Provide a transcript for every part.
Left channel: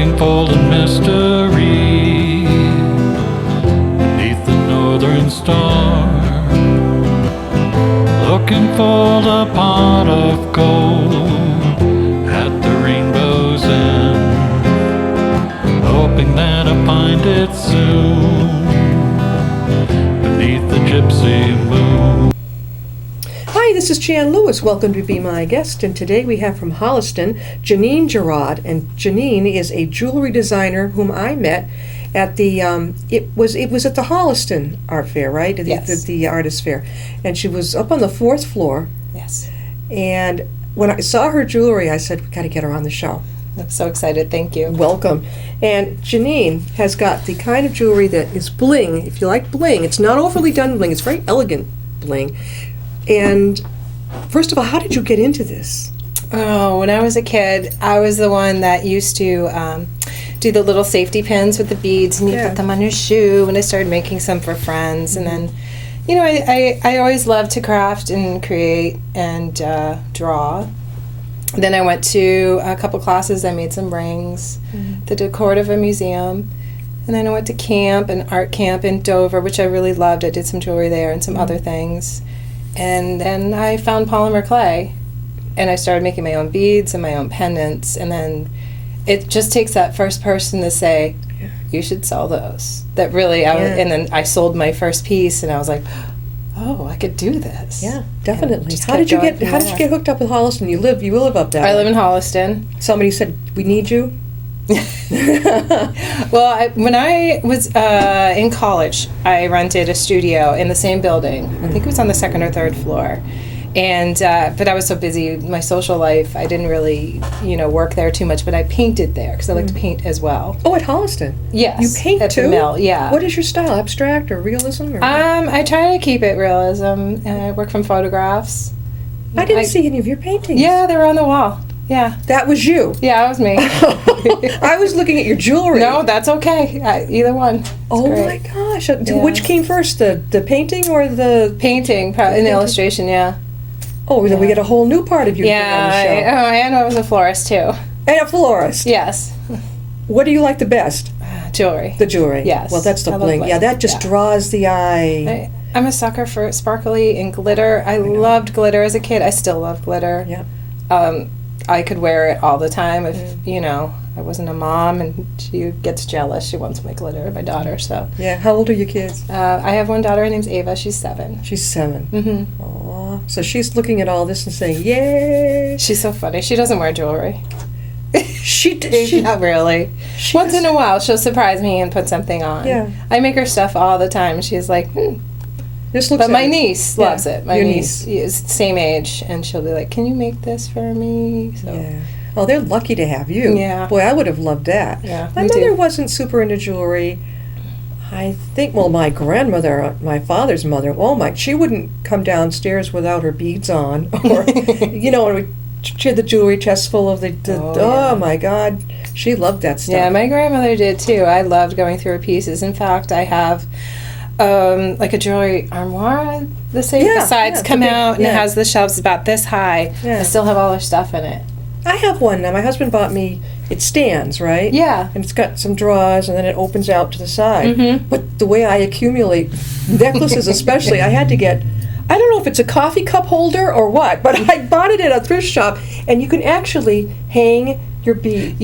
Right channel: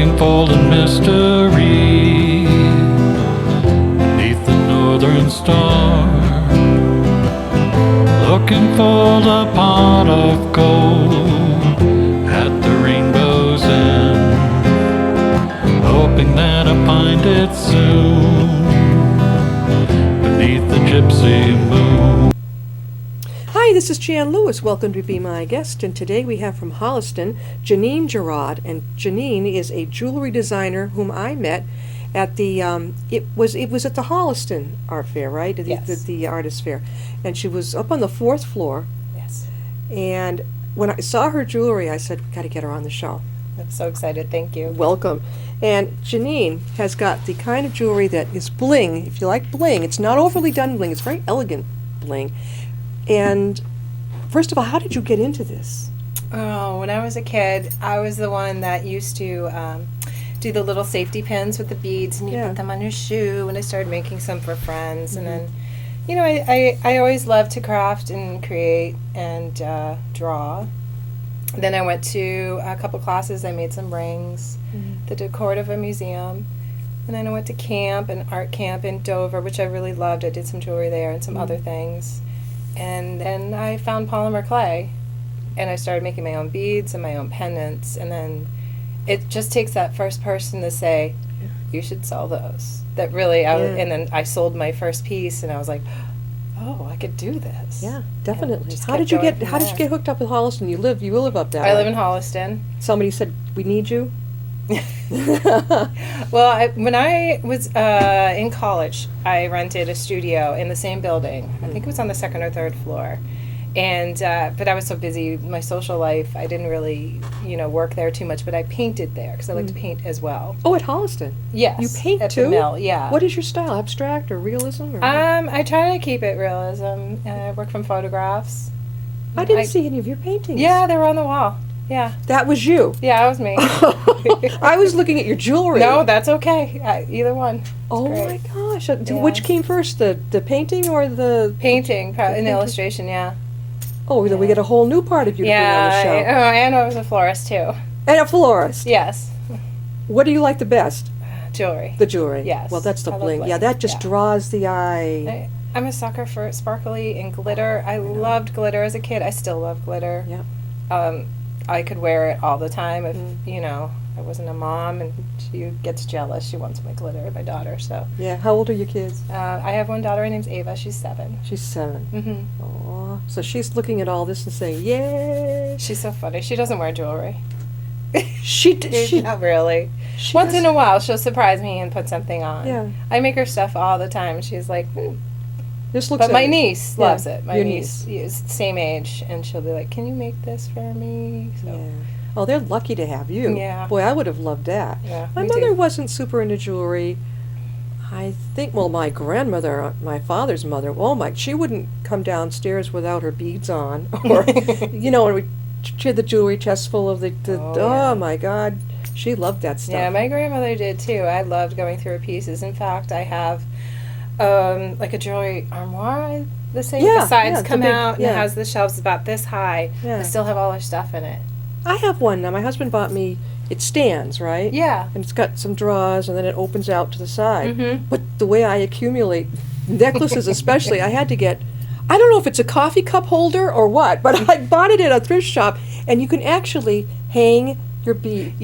looking for the mystery beneath the northern star, looking for the pot of gold at the rainbow's end, hoping that I find it soon beneath the gypsy moon. Hi, this is Jan Lewis. Welcome to Be My Guest. And today we have from Holliston, Janine Geraurde. And Janine is a jewelry designer whom I met at the, it was at the Holliston Art Fair, right? Yes. The artist fair. And she was up on the 4th floor. Yes. And when I saw her jewelry, I said, we got to get her on the show. I'm so excited. Thank you. Welcome. And Janine has got the kind of jewelry that is bling. If you like bling, it's not overly done bling. It's very elegant bling. And first of all, how did you get into this? Oh, when I was a kid, I was the one that used to do the little safety pins with the beads, and you put them on your shoe. And I started making some for friends. And then, you know, I always loved to craft and create and draw. Then I went to a couple classes. I made some rings, the decor of a museum. And then I went to camp, an art camp in Dover, which I really loved. I did some jewelry there and some other things. And then I found polymer clay, and I started making my own beads and my own pendants. And then it just takes that first person to say, you should sell those. That really, and then I sold my first piece, and I was like, oh, I could do this. Yeah, definitely. How did you get hooked up with Holliston? You live up there. I live in Holliston. Somebody said, we need you? Well, when I was in college, I rented a studio in the same building. I think it was on the 2nd or 3rd floor. And but I was so busy with my social life, I didn't really, work there too much. But I painted there because I like to paint as well. Oh, at Holliston? Yes. You paint at too? the mill, yeah. What is your style? Abstract or realism? Or I try to keep it realism. I work from photographs. I didn't see any of your paintings. Yeah, they were on the wall. Yeah. That was you? Yeah, that was me. I was looking at your jewelry. No, that's okay. Either one. It's great. My gosh. Which came first, the painting or the... Painting, and the illustration, yeah. Oh, then we get a whole new part of you on the show. And I was a florist, too. And a florist? Yes. What do you like the best? Jewelry. The jewelry. Yes. Well, that's the bling. Yeah, that just draws the eye. I'm a sucker for sparkly and glitter. I loved glitter as a kid. I still love glitter. Yeah. I could wear it all the time if, I wasn't a mom and she gets jealous. She wants my glitter, my daughter, so. Yeah. How old are your kids? I have one daughter. Her name's Ava. She's 7. She's 7. Mm-hmm. Aww. So she's looking at all this and saying, yay. She's so funny. She doesn't wear jewelry. She Not really. Once in a while, she'll surprise me and put something on. Yeah. I make her stuff all the time. She's like, This looks But my niece loves it. My Your niece is the same age, and she'll be like, can you make this for me? So. Yeah. Well, they're lucky to have you. Yeah. Boy, I would have loved that. Yeah, My mother wasn't super into jewelry. I think, my grandmother, my father's mother, she wouldn't come downstairs without her beads on. Or, she had the jewelry chest full of oh my God. She loved that stuff. Yeah, my grandmother did too. I loved going through her pieces. In fact, I have like a jewelry armoire. The sides come out and it has the shelves about this high. Yeah. I still have all her stuff in it. I have one now. My husband bought me, it stands, right? Yeah. And it's got some drawers and then it opens out to the side. Mm-hmm. But the way I accumulate necklaces especially, I had to get, I don't know if it's a coffee cup holder or what, but I bought it at a thrift shop and you can actually hang your bead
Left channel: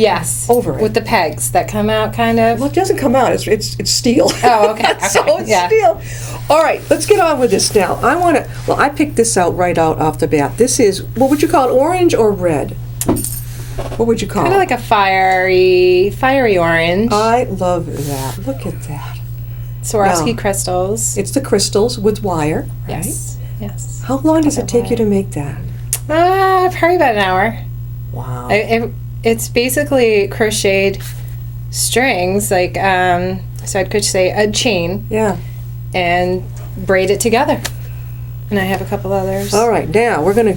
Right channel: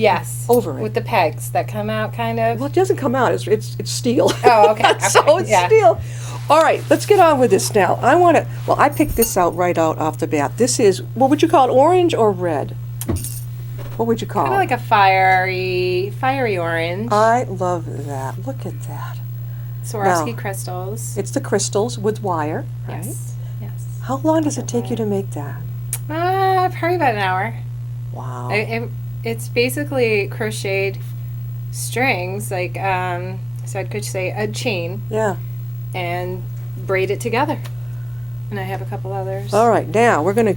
over it. With the pegs that come out kind of. Well, it doesn't come out. It's steel. Oh, okay. So it's steel. All right, let's get on with this now. I picked this out right off the bat. This is, what would you call it, orange or red? What would you call it? Kind of like a fiery orange. I love that. Look at that. Swarovski crystals. It's the crystals with wire, right? Yes. How long does it take you to make that? Probably about an hour. Wow. It's basically crocheted strings, like, so I'd crochet a chain. Yeah. And braid it together. And I have a couple others. All right, now we're gonna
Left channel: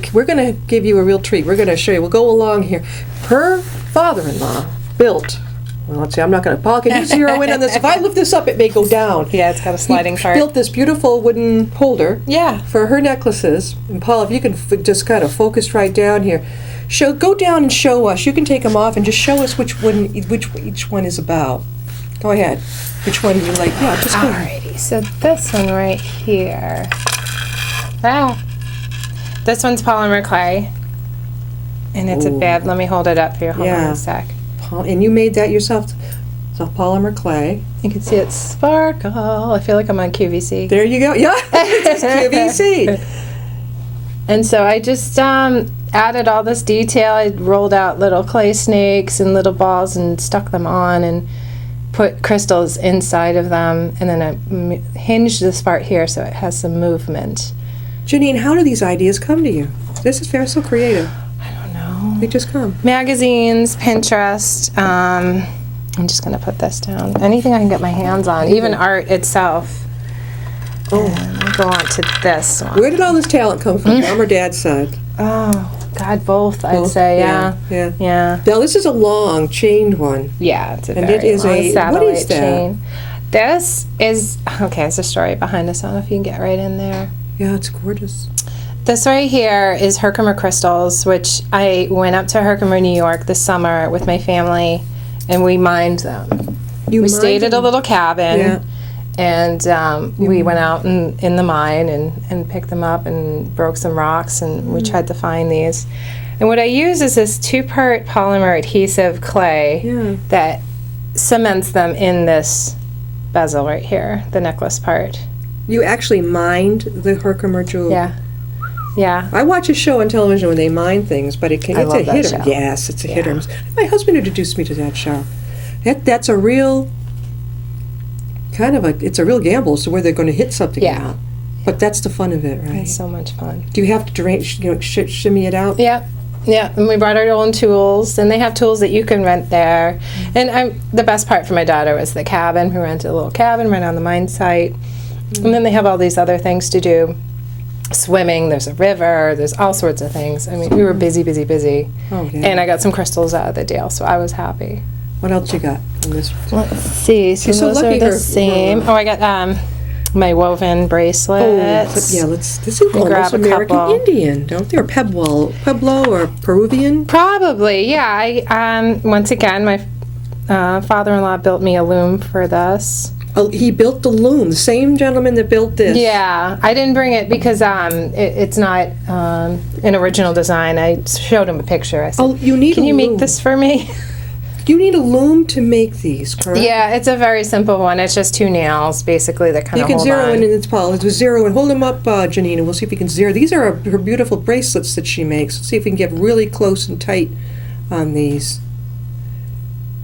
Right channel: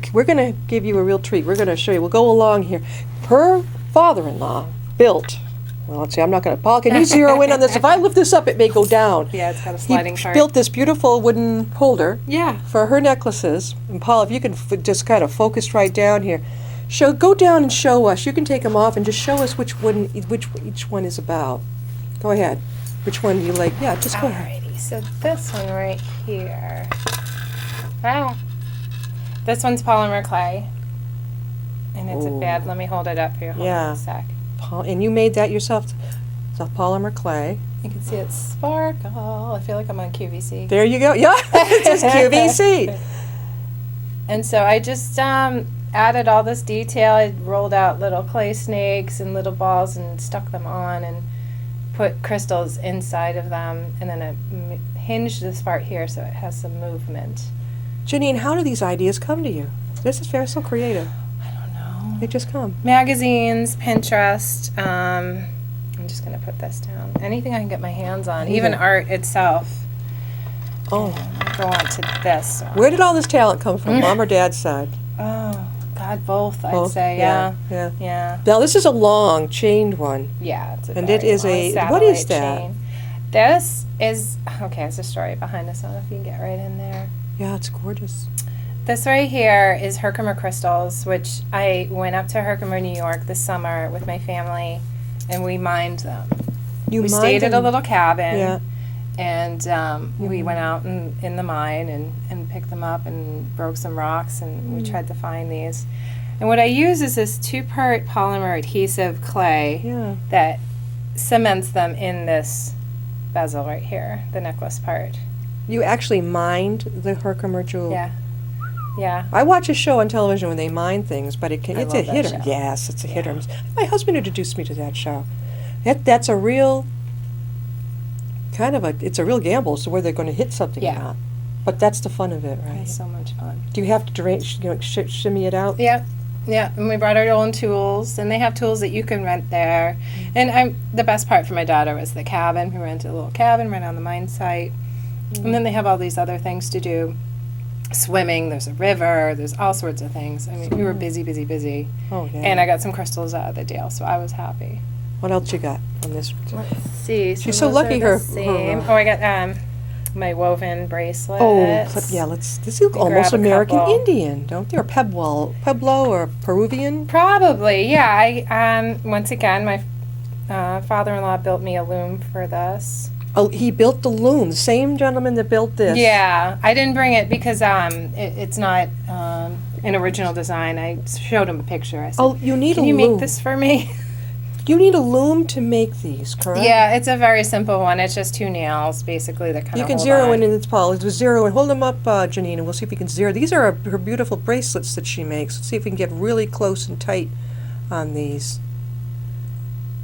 give you a real treat. We're gonna show you. We'll go along here. Her father-in-law built. Well, let's see. I'm not gonna. Paul, can you zero in on this? If I lift this up, it may go down. Yeah, it's got a sliding part. Built this beautiful wooden holder. Yeah. For her necklaces. And Paul, if you can just kind of focus right down here. Go down and show us. You can take them off and just show us which each one is about. Go ahead. Which one you like? Yeah, just go ahead. Alrighty, so this one right here. This one's polymer clay. And it's a bed. Let me hold it up for you. Hold on a sec. And you made that yourself? It's polymer clay. You can see it sparkle. I feel like I'm on QVC. There you go. Yeah, it's QVC. And so I just added all this detail. I rolled out little clay snakes and little balls and stuck them on and put crystals inside of them. And then I hinged this part here so it has some movement. Janine, how do these ideas come to you? This is very so creative. I don't know. They just come. Magazines, Pinterest. I'm just going to put this down. Anything I can get my hands on, even art itself. Oh. And I'll go on to this one. Where did all this talent come from, Mom or Dad's side? Oh, God, both, I'd say, yeah. Yeah. Now, this is a long, chained one. Yeah, it's a And very it is long a- satellite what is that? chain. This is, okay, there's a story behind this. I don't know if you can get right in there. Yeah, it's gorgeous. This right here is Herkimer crystals, which I went up to Herkimer, New York this summer with my family, and we mined them. We stayed at a little cabin, and we went out in the mine and picked them up and broke some rocks, and we tried to find these. And what I use is this 2-part polymer adhesive clay that cements them in this bezel right here, the necklace part. You actually mined the Herkimer jewel. Yeah. Yeah. I watch a show on television when they mine things, but it's love a that hit show. Yes, it's a hit or miss. My husband introduced me to that show. That's a real it's a real gamble as to where they're going to hit something or not. But that's the fun of it, right? It's so much fun. Do you have to shimmy it out? Yeah. Yeah, and we brought our own tools, and they have tools that you can rent there. And the best part for my daughter was the cabin. We rented a little cabin right on the mine site. And then they have all these other things to do. Swimming, there's a river, there's all sorts of things. I mean, we were busy. Oh, yeah. And I got some crystals out of the deal, so I was happy. What else you got on this? Let's see. So She's so those lucky are the her- same. Oh, I got my woven bracelets. Yeah, this is almost grab a American couple. Indian, don't they? Or Pueblo or Peruvian? Probably, yeah. I once again, my father-in-law built me a loom for this. Oh, he built the loom. The same gentleman that built this. Yeah, I didn't bring it because it's not an original design. I showed him a picture. I said, Oh, you need "Can a you loom. make this for me?" You need a loom to make these, correct? Yeah, it's a very simple one. It's just 2 nails, basically, that kind You of can hold zero on. in its polished. With zero and hold them up, Janine, and we'll see if we can zero. These are her beautiful bracelets that she makes. Let's see if we can get really close and tight on these.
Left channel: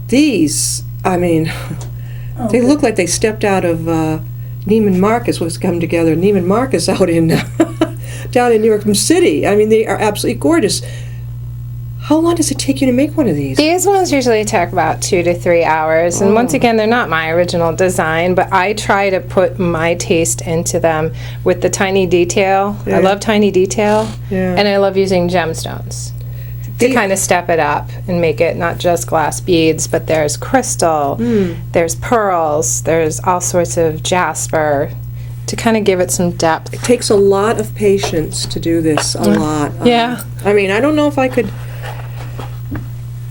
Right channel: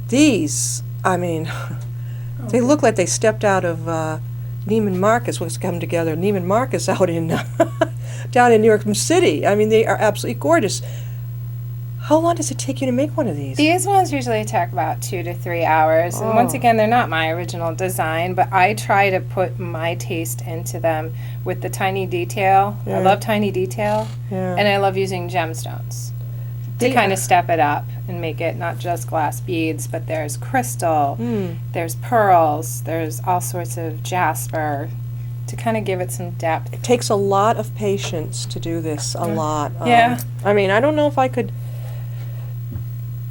These, I mean, they look like they stepped out of Neiman Marcus. Was come together. Neiman Marcus out in down in New York City. I mean, they are absolutely gorgeous. How long does it take you to make one of these? These ones usually take about 2 to 3 hours, and once again, they're not my original design, but I try to put my taste into them with the tiny detail. I love tiny detail, and I love using gemstones to kind of step it up and make it not just glass beads, but there's crystal, there's pearls, there's all sorts of jasper to kind of give it some depth. It takes a lot of patience to do this. A lot. Yeah. I mean, I don't know if I could.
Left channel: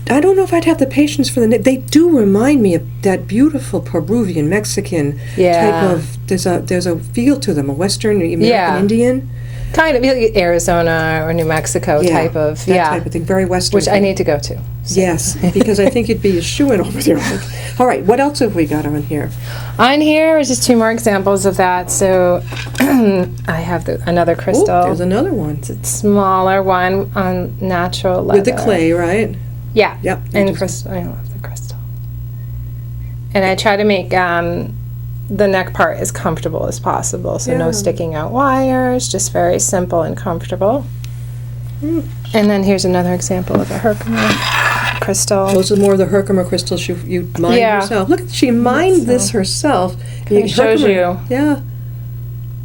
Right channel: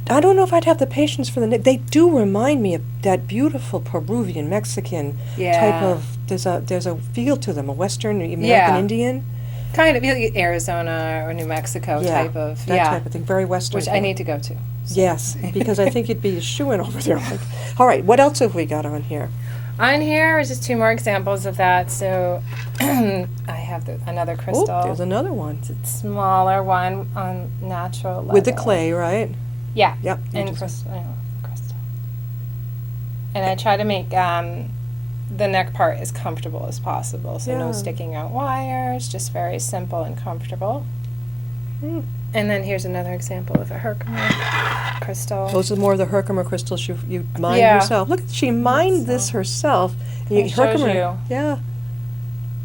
I don't know if I'd have the patience for the. They do remind me of that beautiful Peruvian, Mexican type of. There's a feel to them, a Western American Indian. Kind of like Arizona or New Mexico type of. That type of thing, very Western. Which I need to go to. So. Yes, because I think you'd be a shoo-in over there. All right, what else have we got on here? On here is just 2 more examples of that. So I have another crystal. Oh, there's another one. It's a smaller one on natural leather. With the clay, right? Yeah. Yep. And crystal. I love the crystal. And I try to make the neck part as comfortable as possible. So no sticking out wires, just very simple and comfortable. And then here's another example of a Herkimer crystal. Those are more of the Herkimer crystals you mined yourself. Look, she mined this herself. It shows you. Yeah.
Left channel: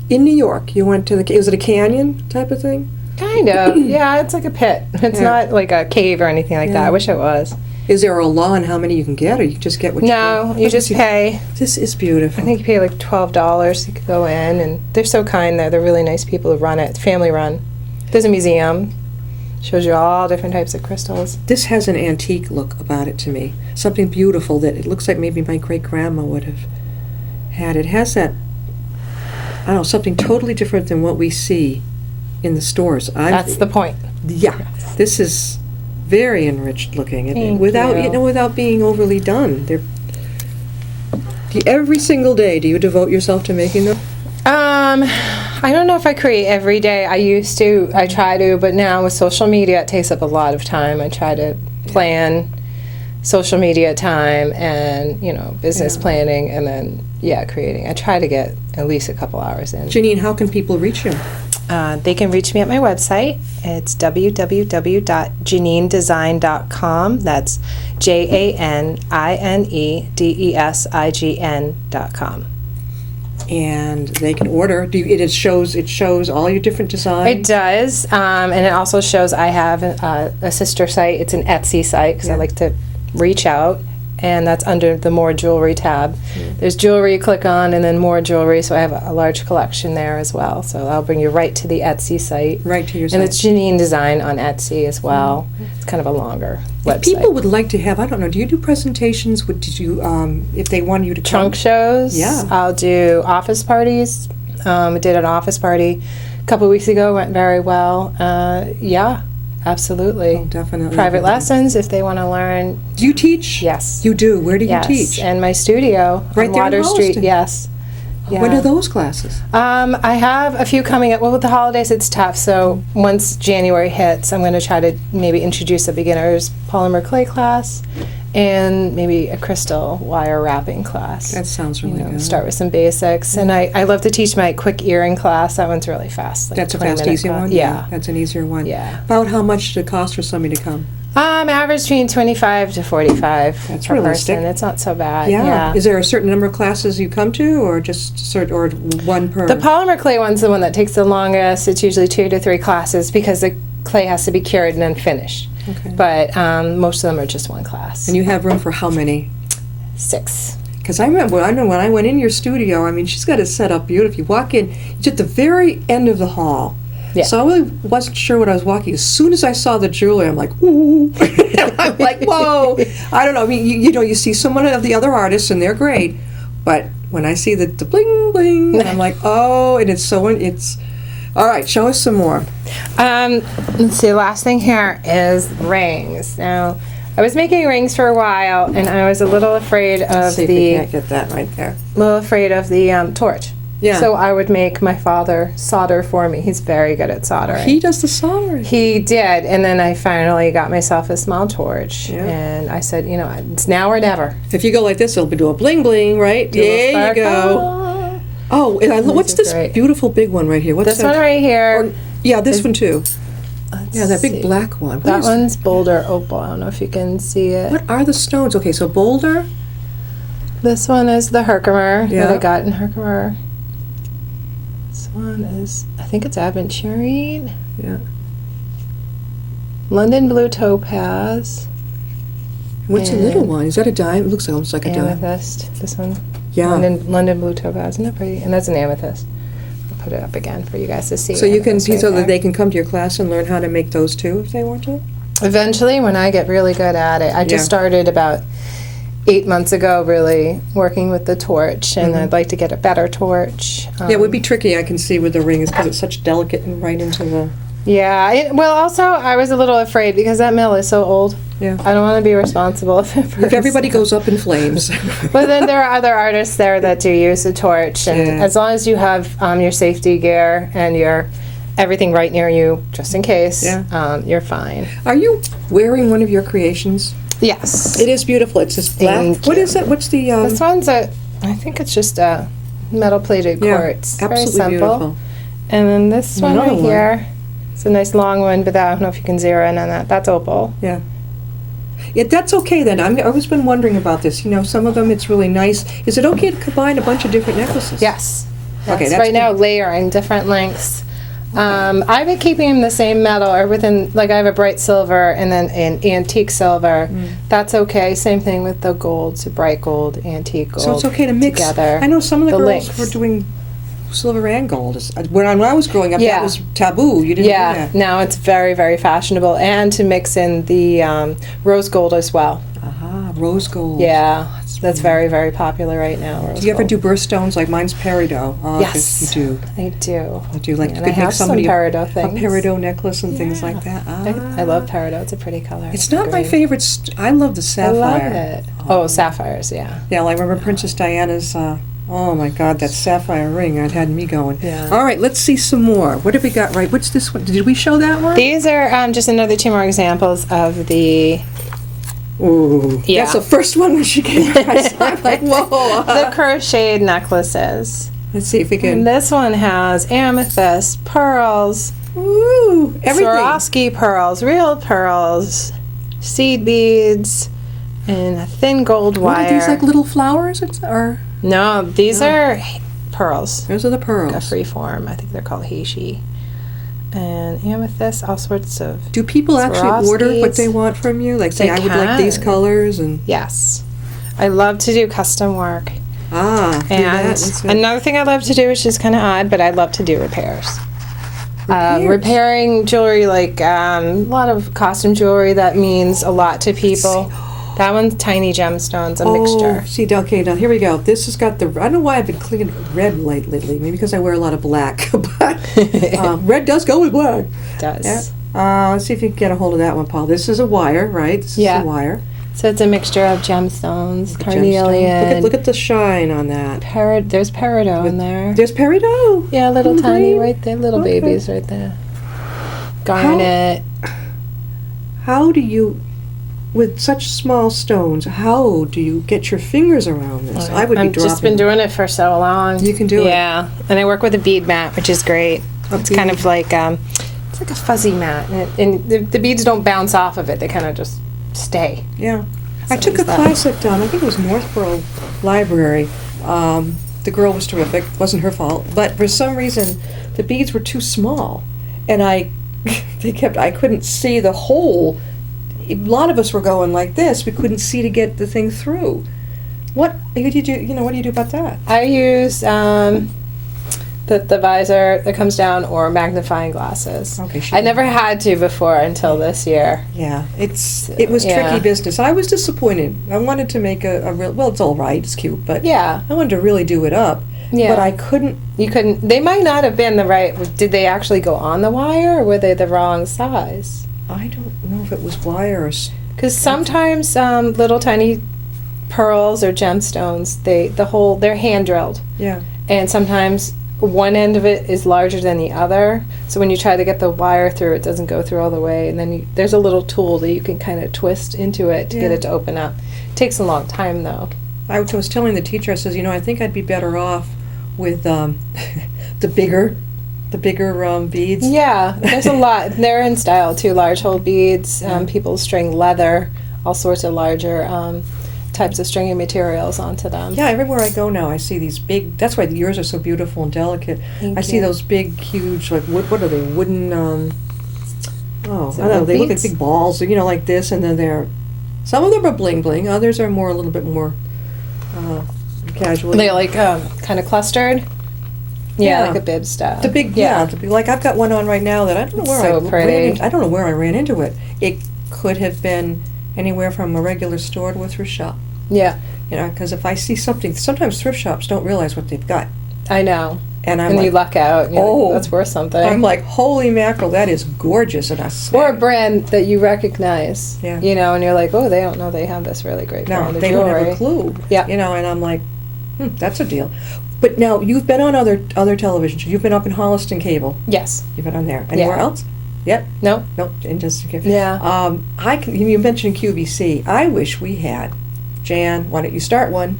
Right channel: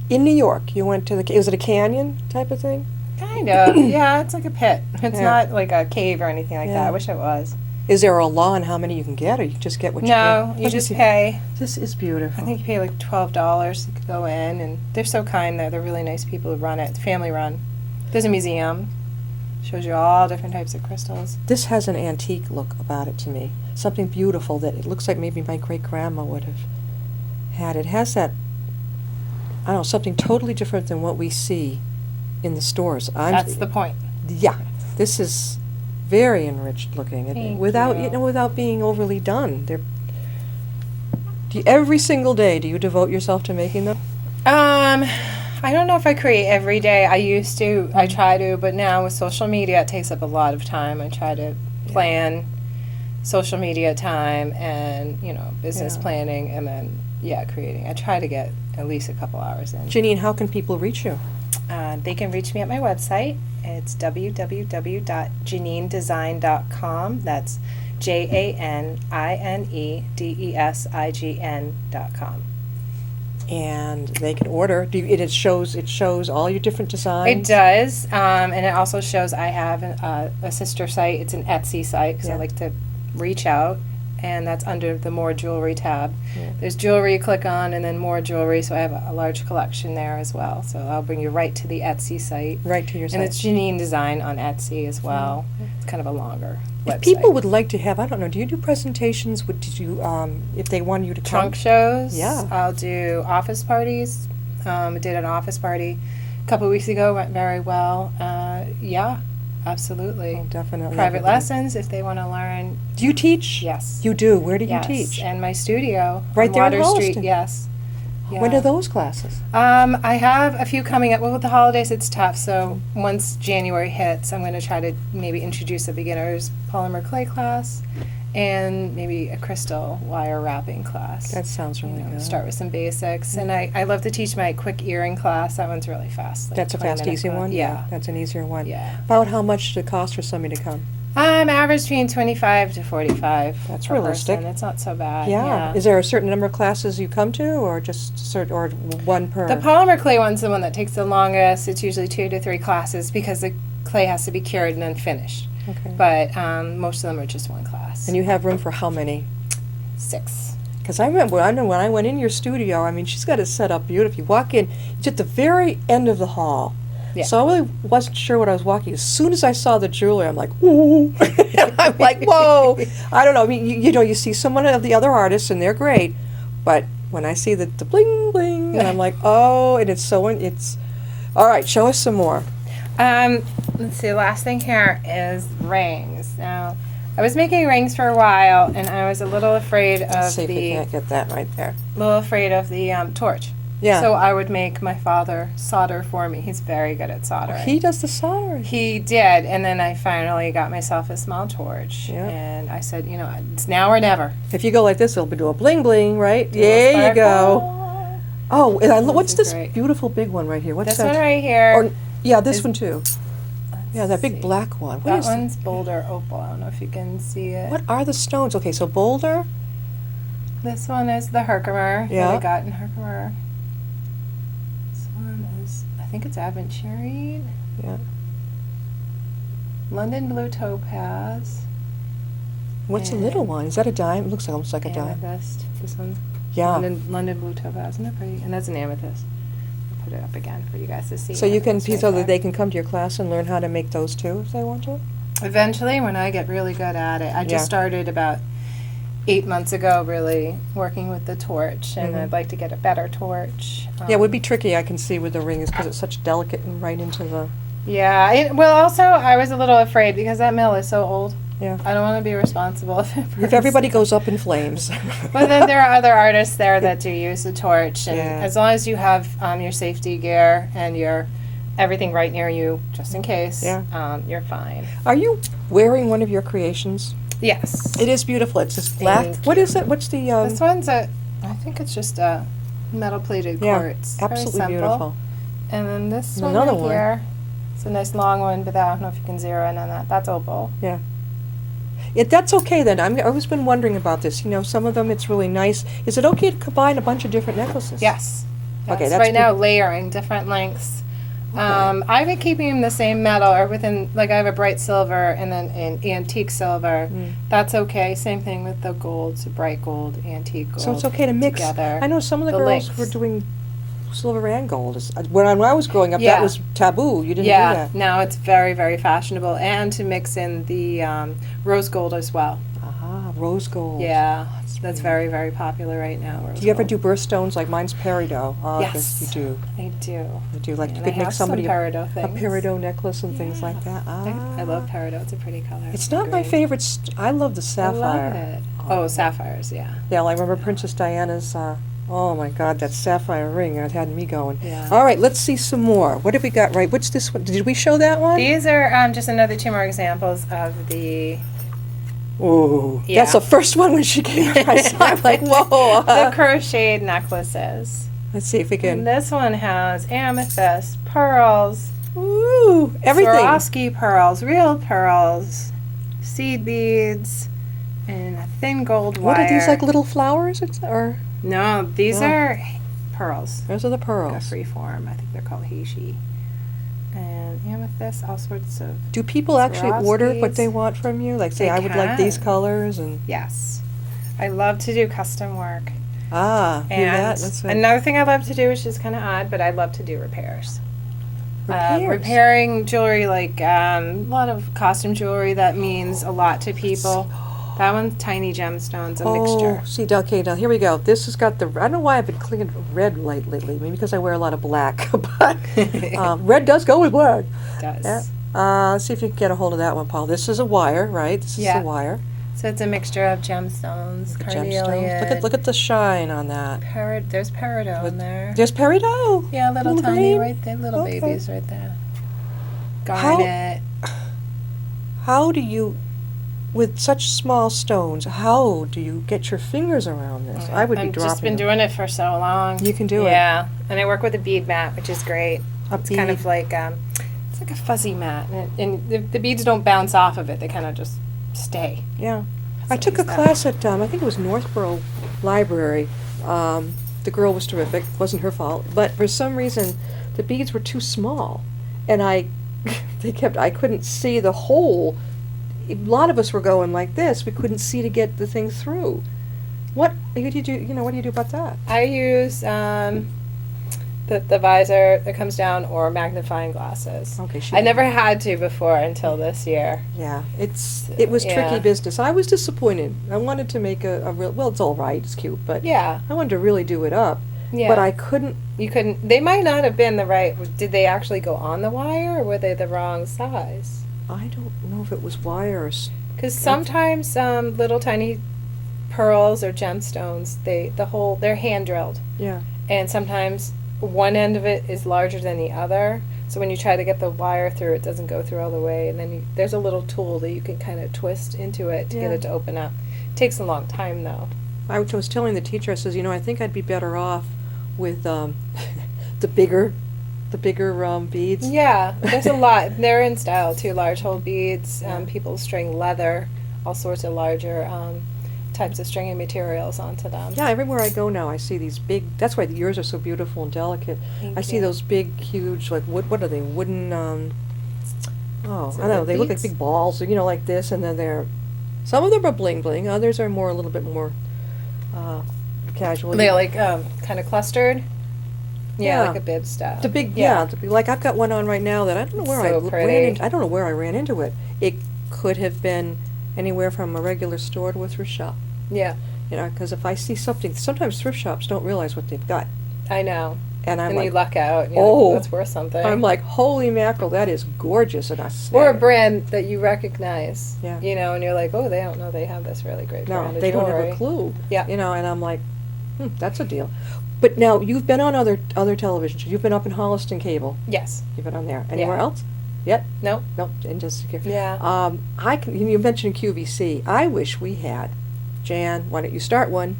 In New York, you went to was it a canyon type of thing? Kind of. Yeah, it's like a pit. It's not like a cave or anything like that. I wish it was. Is there a law on how many you can get, or you just get what you No, get? you just pay. This is beautiful. I think you pay like $12. You could go in, and they're so kind there. They're really nice people who run it. Family run. There's a museum. Shows you all different types of crystals. This has an antique look about it to me. Something beautiful that it looks like maybe my great-grandma would have had. It has that, I don't know, something totally different than what we see in the stores. That's the point. Yeah. This is very enriched looking, and Thank without you. without being overly done. Every single day, do you devote yourself to making them? I don't know if I create every day. I try to, but now with social media, it takes up a lot of time. I try to plan social media time and, business planning, and then, creating. I try to get at least a couple hours in. Janine, how can people reach you? They can reach me at my website. It's www.janinedesign.com. That's JANINEDESIGN.com. And they can order. It shows all your different designs. It does, and it also shows I have a sister site. It's an Etsy site because I like to reach out, and that's under the More Jewelry tab. There's jewelry you click on, and then More Jewelry, so I have a large collection there as well. So I'll bring you right to the Etsy site. Right to your site. And it's Janine Design on Etsy as well. It's kind of a longer website. If people would like to have, I don't know, do you do presentations? Did you, if they want you to come? Trunk shows. Yeah. I'll do office parties. I did an office party a couple weeks ago. Went very well. Absolutely. Oh, definitely. Private lessons if they want to learn. Do you teach? Yes. You do? Where do you Yes. teach? And my studio Right on there in Water Street. Holliston. Yes. Yeah. When are those classes? I have a few coming up. Well, with the holidays, it's tough. So once January hits, I'm going to try to maybe introduce a beginner's polymer clay class and maybe a crystal wire wrapping class. That sounds really good. Start with some basics. And I love to teach my quick earring class. That one's really fast. Like That's a 20 fast, minute easy class. one? Yeah. That's an easier one. Yeah. About how much does it cost for somebody to come? Average between 25 to 45 That's per realistic. person. It's not so bad. Yeah. Is there a certain number of classes you come to, or just or one per? The polymer clay one's the one that takes the longest. It's usually 2 to 3 classes because the clay has to be cured and then finished. Okay. But most of them are just one class. And you have room for how many? 6. Because I remember, when I went in your studio, I mean, she's got it set up beautifully. You walk in, it's at the very end of the hall. Yeah. So I really wasn't sure what I was walking. As soon as I saw the jewelry, I'm like, whoa. I'm like, whoa. I don't know. I mean, you see so many of the other artists, and they're great. But when I see the bling, bling, I'm like, oh, and it's all right, show us some more. Let's see, the last thing here is rings. Now, I was making rings for a while, and I was a little afraid of Let's see if we can't get that right there. the torch. Yeah. So I would make my father solder for me. He's very good at soldering. He does the soldering. He did, and then I finally got myself a small torch, Yeah. and I said, it's now or never. If you go like this, it'll be doing bling, bling, right? Do a little There you sparkle. go. Oh, and what's is this great. beautiful big one right here? What's This that? one right here. Yeah, this one too. Let's Yeah, that big see. black one. What That is- one's Boulder Opal. I don't know if you can see it. What are the stones? Okay, so boulder. This one is the Herkimer that Yeah. I got in Herkimer. This one is, I think it's aventurine. Yeah. London Blue Topaz. What's the And little one? Is that a diamond? It looks almost like a diamond. Amethyst. This one. Yeah. London Blue Topaz. Isn't that pretty? And that's an amethyst. I'll put it up again for you guys to see. So you can, Amethyst right so that there. they can come to your class and learn how to make those too, if they want to. Eventually, when I get really good at it. I just Yeah. started about 8 months ago, really working with the torch, and I'd like to get a better torch. Yeah, it would be tricky, I can see, with the rings, because it's such delicate and right into the. Well, also, I was a little afraid because that mill is so old. Yeah. I don't want to be responsible if it If everybody goes up in flames. But then there are other artists there that do use a torch, and Yeah. as long as you have your safety gear and your everything right near you, just in case, you're fine. Are you wearing one of your creations? Yes. It is beautiful. It's this black. Thank What you. is it? What's the? This one's I think it's just a metal-plated quartz. Very absolutely simple. beautiful. And then this one Another right one. here. It's a nice long one, but I don't know if you can zero in on that. That's opal. Yeah. That's okay then. I've always been wondering about this. Some of them it's really nice. Is it okay to combine a bunch of different necklaces? Yes. Okay, Yes. that's Right now, good. layering different lengths. I've been keeping them the same metal, or within, like I have a bright silver and then an antique silver. That's okay. Same thing with the gold, so bright gold, antique gold. So it's okay to mix. together. I know some of the The girls links. were doing silver and gold. When I was growing up, Yeah. that was taboo. You didn't do that. Now it's very, very fashionable, and to mix in the rose gold as well. Rose gold. Yeah, that's very, very popular right now. Rose Do you ever gold. do birthstones like mine's peridot? Oh, Yes, you do. I do. I do. Like Yeah, you and could I make have some somebody peridot a things. peridot necklace and things like that. I love peridot. It's a pretty color. It's not my great. favorite. I love the I sapphire. love it. Oh, sapphires, yeah. Yeah, well, I remember Princess Diana's. Oh my God, that sapphire ring! It had me going. Yeah. All right, let's see some more. What have we got? Right, what's this one? Did we show that one? These are just another 2 more examples of the Ooh, Yeah. that's the first one when she came out. I saw it, I'm like, whoa. the crocheted necklaces. Let's see if we And can. this one has amethyst, pearls, Ooh, everything. Swarovski pearls, real pearls, seed beads, and a thin gold What wire. are these, like little flowers? Or No, these are pearls. those are the A pearls. free form. I think they're called heishi. And amethyst, all sorts of. Do people actually order what Swarovskis. they want from you? Like say, They I would like these can. colors and Yes. I love to do custom work. do that. And Let's see. another thing I love to do, which is kind of odd, but I love to do repairs. Repairs? Repairing jewelry, like a lot of costume jewelry, that means a lot to people. That one's tiny gemstones, a mixture. Oh, see, okay, now here we go. This has got the. I don't know why I've been clicking red lately. Maybe because I wear a lot of black, but red does go with black. Does. Let's see if you can get a hold of that one, Paul. This is a wire, right? This Yeah. is a wire. So it's a mixture of gemstones, Gemstones. carnelian. Look at the shine on that. There's peridot in there. There's peridot. Yeah, little tiny green. right there, little Okay. babies right there. Garnet. How do you, with such small stones, how do you get your fingers around this? I would be I've dropping. just been doing it for so long. You can do it. Yeah, and I work with a bead mat, which is great. A It's kind bead. of like it's like a fuzzy mat, and the beads don't bounce off of it; they kind of just stay. Yeah. I So took a is that. class at, I think it was Northborough Library. The girl was terrific. Wasn't her fault. But for some reason, the beads were too small. And I couldn't see the hole. A lot of us were going like this. We couldn't see to get the thing through. What do you do, what do you do about that? I use the visor that comes down or magnifying glasses. Okay, I never had to before until this year. Yeah, it was Yeah. tricky business. I was disappointed. I wanted to make a real, well, it's all right, it's cute, but Yeah, I wanted to really do it up. yeah. But I couldn't. You couldn't. They might not have been the right. Did they actually go on the wire, or were they the wrong size? I don't know if it was wire or. Because sometimes little tiny pearls or gemstones, they're hand drilled, Yeah. and sometimes one end of it is larger than the other. So when you try to get the wire through, it doesn't go through all the way, and then there's a little tool that you can kind of twist into it to get Yeah. it to open up. It takes a long time though. I was telling the teacher, I says, I think I'd be better off with the bigger beads. Yeah, there's a lot. They're in style too. Large hole beads. People string leather, all sorts of larger types of stringing materials onto them. Yeah, everywhere I go now, I see these big. That's why yours are so beautiful and delicate. Thank I see you. those big, huge, like what are they? Wooden. Oh, Is I it don't know. wood They look like beads? big balls, like this, and then they're. Some of them are bling bling. Others are a little bit more casual. They're like kind of clustered. Yeah, Yeah. like a bib stuff. The big, like I've got one on right now that I don't know where So pretty. I don't know where I ran into it. It could have been anywhere from a regular store to a thrift shop. Yeah, Because if I see something, sometimes thrift shops don't realize what they've got, I know. and I'm And you like, luck out. And you're oh, like, that's worth something. I'm like, holy mackerel, that is gorgeous, and I or a snap. brand that you recognize. Yeah. And you're like, oh, they don't know they have this really great No, brand of they don't jewelry. have a clue. Yeah. And I'm like, that's a deal. But now you've been on other televisions. You've been up in Holliston Cable. Yes. You've been on there. Anywhere Yeah. else? Yet? No. Nope. In just Yeah. you mentioned QVC. I wish we had, Jan. Why don't you start one?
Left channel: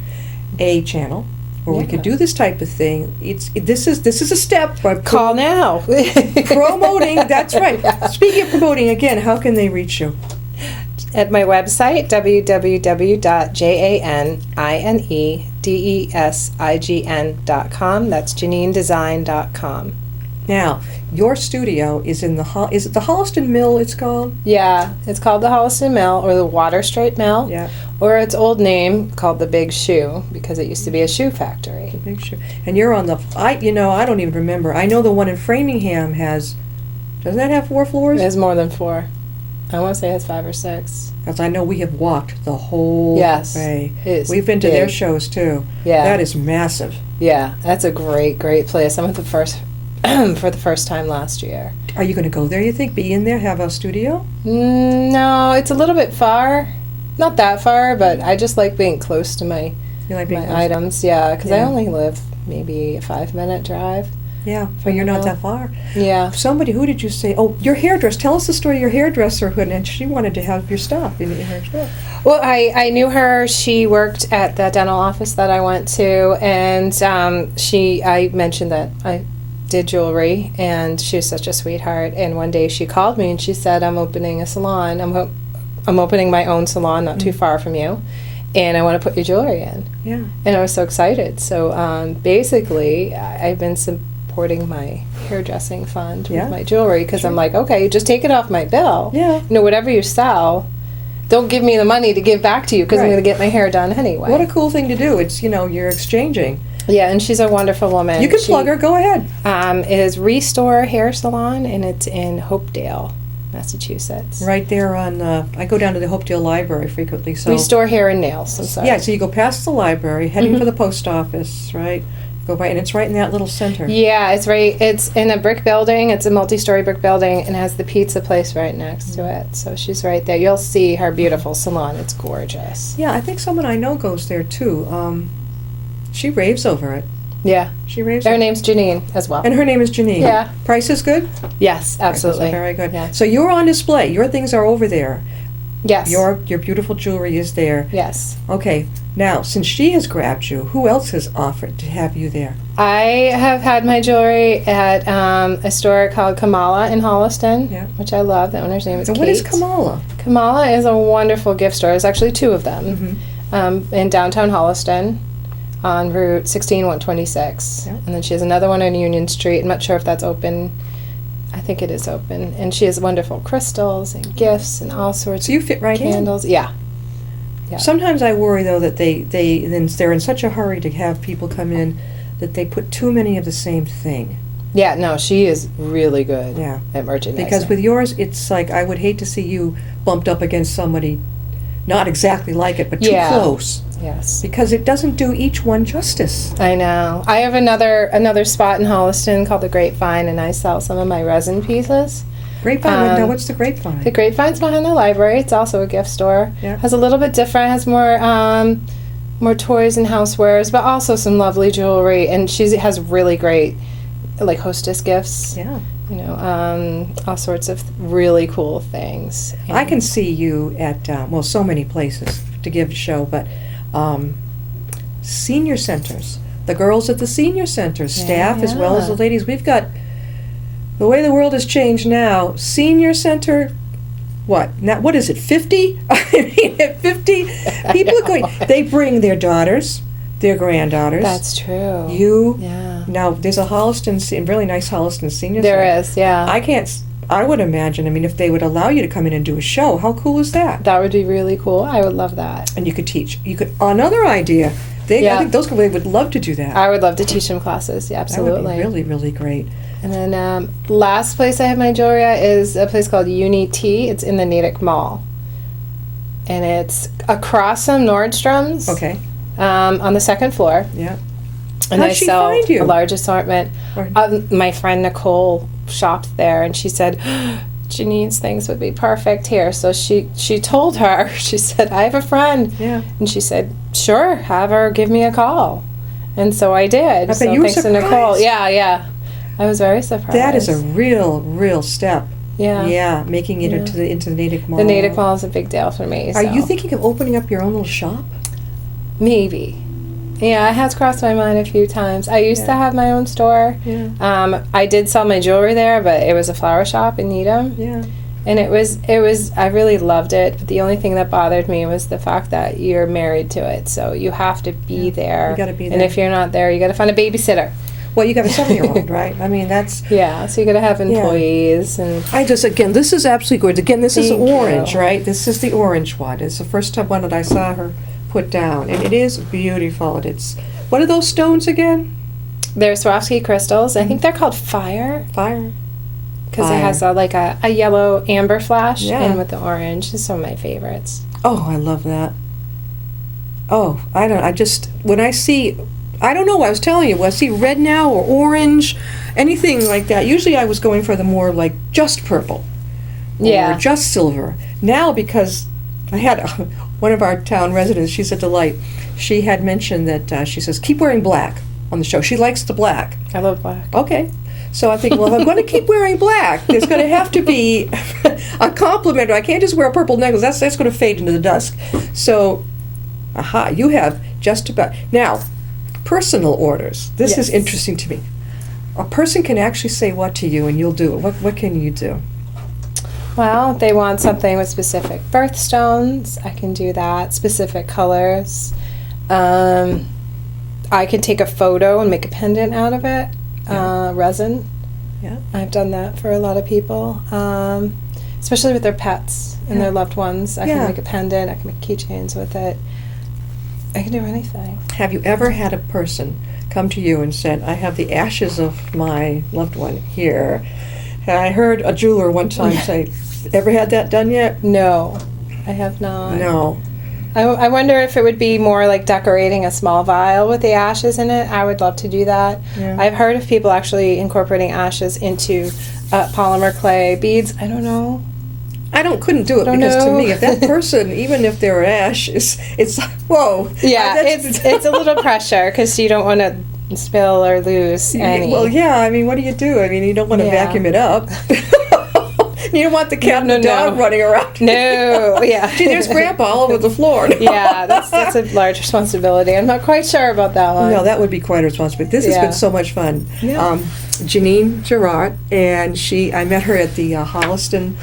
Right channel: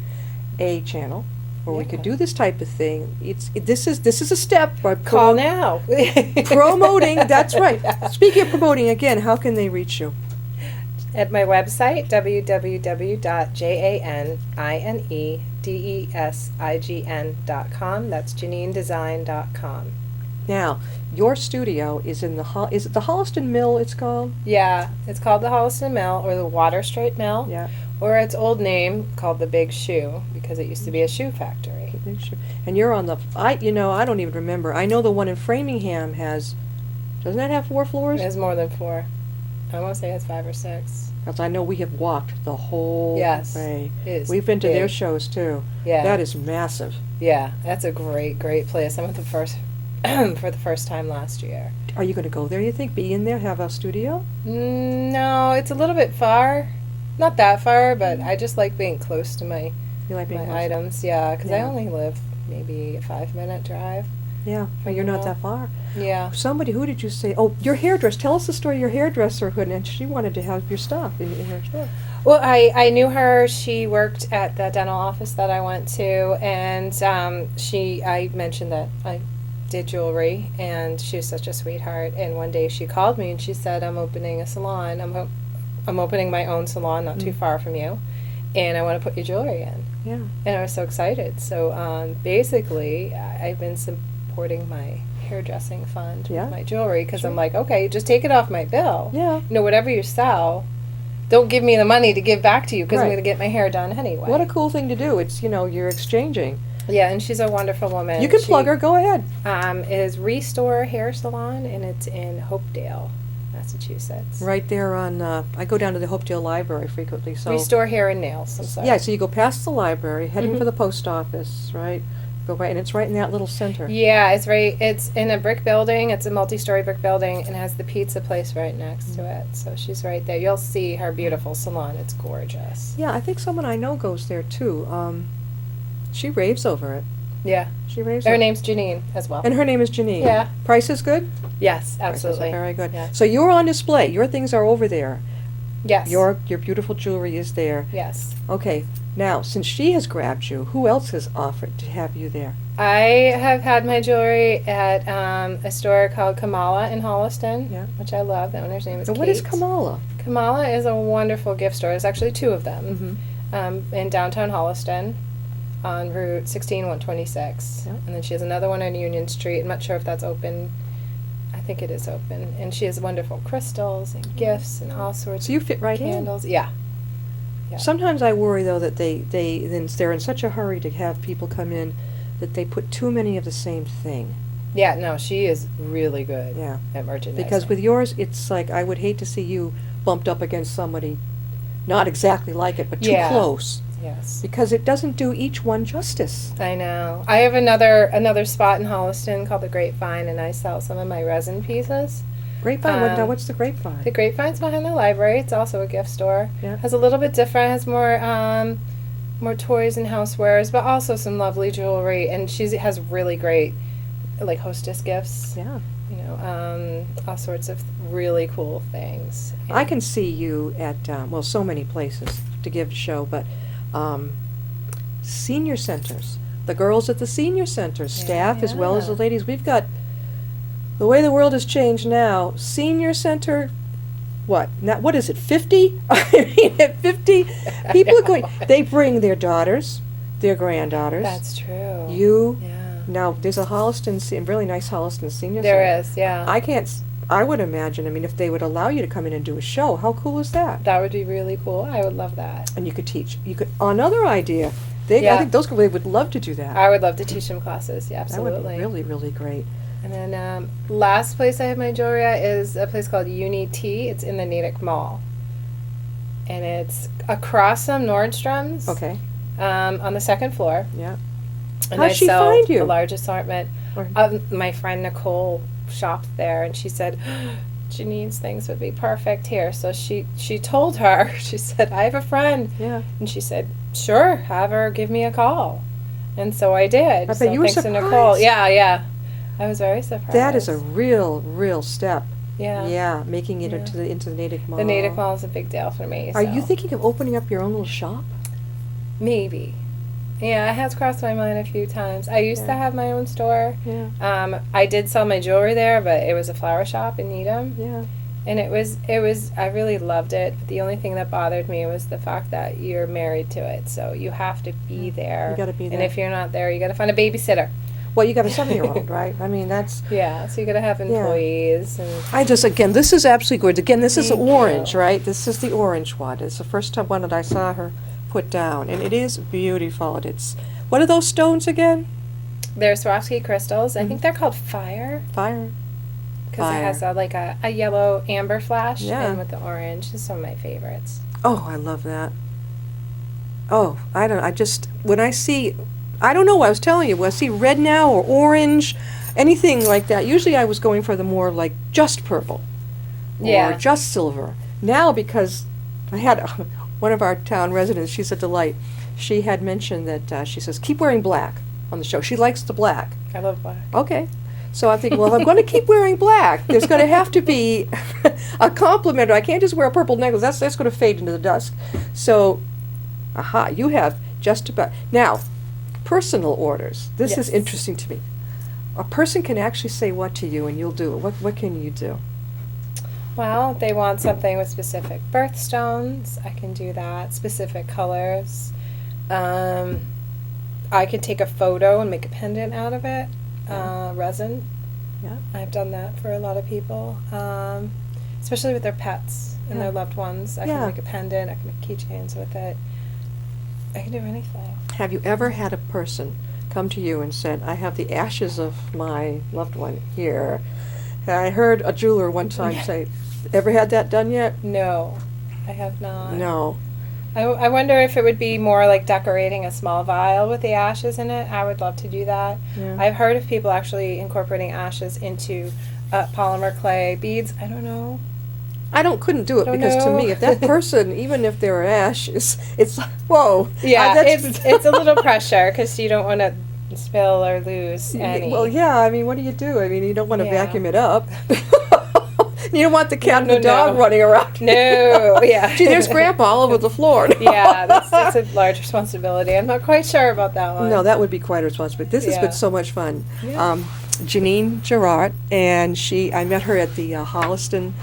A channel where we Yeah. could do this type of thing. This is a step. By Call now. promoting. That's right. Speaking of promoting, again, how can they reach you? At my website, www.janinedessign.com. That's JanineDesign.com. Now, your studio is in the is it the Holliston Mill? It's called. Yeah, it's called the Holliston Mill or the Water Street Mill. Yeah. Or its old name called the Big Shoe because it used to be a shoe factory. Big Shoe. And you're on the. I don't even remember. I know the one in Framingham has. Doesn't that have 4 floors? It has more than 4. I want to say it has 5 or 6. Because I know we have walked the whole Yes, way. it is We've been to their big. shows too. Yeah. That is massive. Yeah, that's a great place. I went the first for the first time last year. Are you going to go there, you think? Be in there, have a studio? No, it's a little bit far. Not that far, but I just like being close to my You like being close? items. Yeah, because I Yeah. only live maybe a 5-minute drive. Yeah, but you're not No. that far. Yeah. Somebody, who did you say? Oh, your hairdresser. Tell us the story of your hairdresser, and she wanted to have your stuff. You need her stuff. Well, I knew her. She worked at the dental office that I went to, and I mentioned that I did jewelry, and she was such a sweetheart. And one day she called me and she said, "I'm opening a salon. I'm opening my own salon, not too far from you, and I want to put your jewelry in." Yeah. And I was so excited. So basically, I've been supporting my hairdressing fund Yeah. with my jewelry because I'm like, okay, just take it off my bill. Yeah. Whatever you sell, don't give me the money to give back to you because I'm Right. going to get my hair done anyway. What a cool thing to do. It's, you're exchanging. Yeah, and she's a wonderful woman. You can plug her. Go ahead. It is Restore Hair Salon, and it's in Hopedale, Massachusetts. Right there on, I go down to the Hopedale Library frequently. So Restore Hair and Nails. I'm sorry. Yeah, so you go past the library, heading Mhm. for the post office, right? Go by, and it's right in that little center. Yeah, it's right. It's in a brick building. It's a multi-story brick building, and has the pizza place right next to it. So she's right there. You'll see her beautiful salon. It's gorgeous. Yeah, I think someone I know goes there too. She raves over it. Yeah, She raves. her over it. name's Janine as well. And her name is Janine. Yeah. Price is good. Yes, Prices absolutely. are very good. Yeah. So you're on display. Your things are over there. Yes. Your beautiful jewelry is there. Yes. Okay. Now, since she has grabbed you, who else has offered to have you there? I have had my jewelry at a store called Kamala in Holliston, Yeah. which I love. The owner's name is So Kate. what is Kamala? Kamala is a wonderful gift store. There's actually 2 of them in downtown Holliston on Route 16, 126. Yeah. And then she has another one on Union Street. I'm not sure if that's open. I think it is open. And she has wonderful crystals and gifts and all sorts So you of fit right in. candles. Yeah. Yeah. Sometimes I worry though that they're in such a hurry to have people come in that they put too many of the same thing. Yeah, no, she is really good Yeah. at merchandising. Because with yours, it's like I would hate to see you bumped up against somebody not exactly like it, but too Yeah. close. Yes. Because it doesn't do each one justice. I know. I have another spot in Holliston called the Grapevine, and I sell some of my resin pieces. Grapevine, now Um, what's the grapevine? The Grapevine's behind the library. It's also a gift store. Yeah. Has a little bit different. Has more toys and housewares, but also some lovely jewelry. And she has really great, like, hostess gifts. Yeah. All sorts of really cool things. I can see you at, so many places to give a show, but senior centers. The girls at the senior centers, staff as well as the Yeah. ladies. We've got, the way the world has changed now, senior center, what? Now, what is it, 50? I mean, at 50, people are going, they bring their daughters, their granddaughters. That's true. Yeah. Now, there's a really nice Holliston senior center. There is, yeah. I would imagine, if they would allow you to come in and do a show, how cool is that? That would be really cool. I would love that. And you could teach. Another idea. I Yeah. think those people would love to do that. I would love to teach them classes. Yeah, That would absolutely. be really, really great. And then last place I have my jewelry at is a place called Uni T. It's in the Natick Mall. And it's across from Nordstrom's. Okay. On the second floor. Yeah. And How'd I she sell find you? a large assortment. Or- My friend Nicole shopped there, and she said, Janine's things would be perfect here. So she told her, she said, I have a friend. Yeah. And she said, sure, have her give me a call. And so I did. I bet So you were thanks to Nicole. surprised. Yeah. I was very surprised. That is a real step. Yeah. Yeah, making it Yeah. into the Natick Mall. The Natick Mall is a big deal for me. Are so. you thinking of opening up your own little shop? Maybe. Yeah, it has crossed my mind a few times. I used to Yeah. have my own store. Yeah. I did sell my jewelry there, but it was a flower shop in Needham. Yeah. And it was I really loved it, but the only thing that bothered me was the fact that you're married to it. So you have to be there. You gotta be And there. if you're not there, you got to find a babysitter. Well, you got a 7-year-old, right? I mean, that's. Yeah, so you got to have employees and. I just, again, this is absolutely gorgeous. Again, this is Thank orange, you. right? This is the orange one. It's the first time one that I saw her put down, and it is beautiful. And it's, what are those stones again? They're Swarovski crystals. I think they're called fire Fire. because it Fire. has a yellow amber flash Yeah. and with the orange. It's some of my favorites. Oh, I love that. Oh, I don't know, I was telling you, when I see red now or orange, anything like that, usually I was going for the more like just purple. Yeah. Or just silver. Now, because I had one of our town residents, she's a delight, she had mentioned that, she says, keep wearing black on the show. She likes the black. I love black. Okay. So I think, well, if I'm going to keep wearing black, there's going to have to be a complement. I can't just wear a purple necklace. That's going to fade into the dusk. So, you have just about. Now, personal orders. This is Yes. interesting to me. A person can actually say what to you and you'll do it. What can you do? Well, if they want something with specific birthstones, I can do that. Specific colors. I can take a photo and make a pendant out of it. Resin. Yeah. I've done that for a lot of people, especially with their pets and Yeah. their loved ones. I Yeah. can make a pendant. I can make keychains with it. I can do anything. Have you ever had a person come to you and said, I have the ashes of my loved one here? And I heard a jeweler one time say, ever had that done yet? No, I have not. No. I wonder if it would be more like decorating a small vial with the ashes in it. I would love to do that. Yeah. I've heard of people actually incorporating ashes into polymer clay beads. I don't know. Couldn't do it Don't because to know. me, if that person, even if they're ash, it's whoa. Yeah, That's- it's a little pressure because you don't want to spill or lose any. Well, yeah. I mean, what do? I mean, you don't want to Yeah. vacuum it up. You don't want the cat and the dog running around. No, yeah. Gee, there's Grandpa all over the floor. Yeah, that's a large responsibility. I'm not quite sure about that one. No, that would be quite a responsibility. This has Yeah. been so much fun. Yeah. Janine Geraurde, and I met her at the Holliston,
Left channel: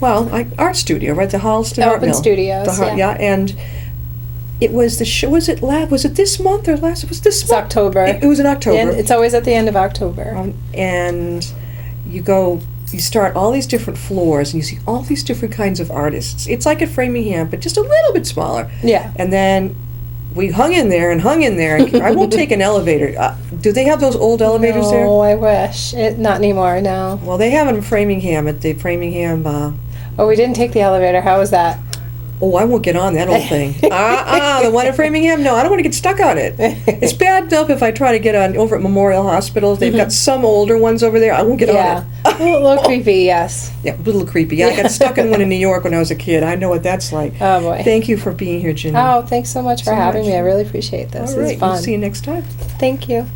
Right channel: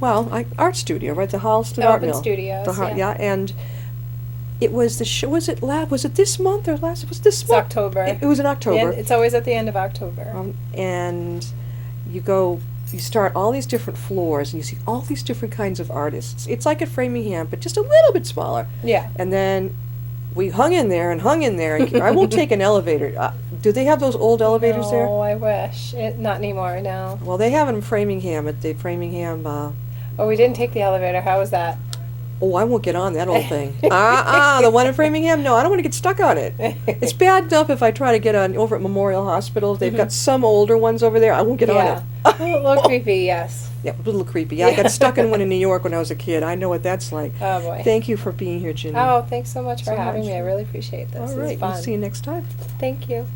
art studio, right? The Holliston Art Open Mill. Studios, yeah. And it was the show. Was it this month or last? It was this It's month. October. It was in October. And it's always at the end of October. And you start all these different floors, and you see all these different kinds of artists. It's like at Framingham, but just a little bit smaller. Yeah. And then we hung in there. And I won't take an elevator. Do they have those old elevators there? No, I wish. Not anymore, no. Well, they have them in Framingham at the Framingham. Oh, we didn't take the elevator. How was that? Oh, I won't get on that old thing. The one in Framingham? No, I don't want to get stuck on it. It's bad enough if I try to get on over at Memorial Hospital. They've got some older ones over there. I won't get Yeah. on it. A little creepy, yes. Yeah, a little creepy. Yeah, I got stuck in one in New York when I was a kid. I know what that's like. Oh, boy. Thank you for being here, Janine. Oh, thanks so much for having me. I really appreciate this. All right, It's fun. we'll see you next time. Thank you.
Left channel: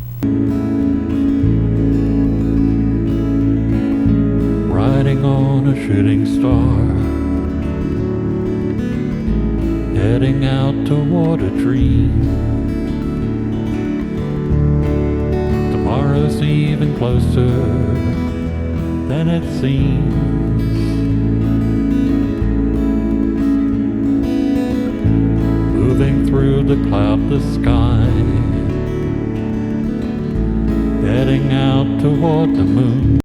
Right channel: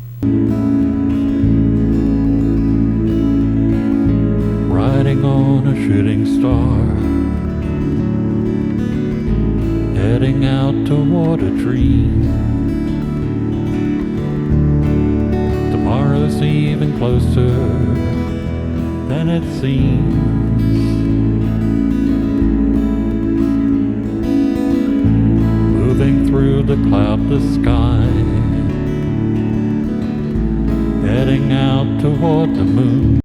Riding on a shooting star, heading out toward a dream. Tomorrow's even closer than it seems. Moving through the cloudless sky, heading out toward the moon.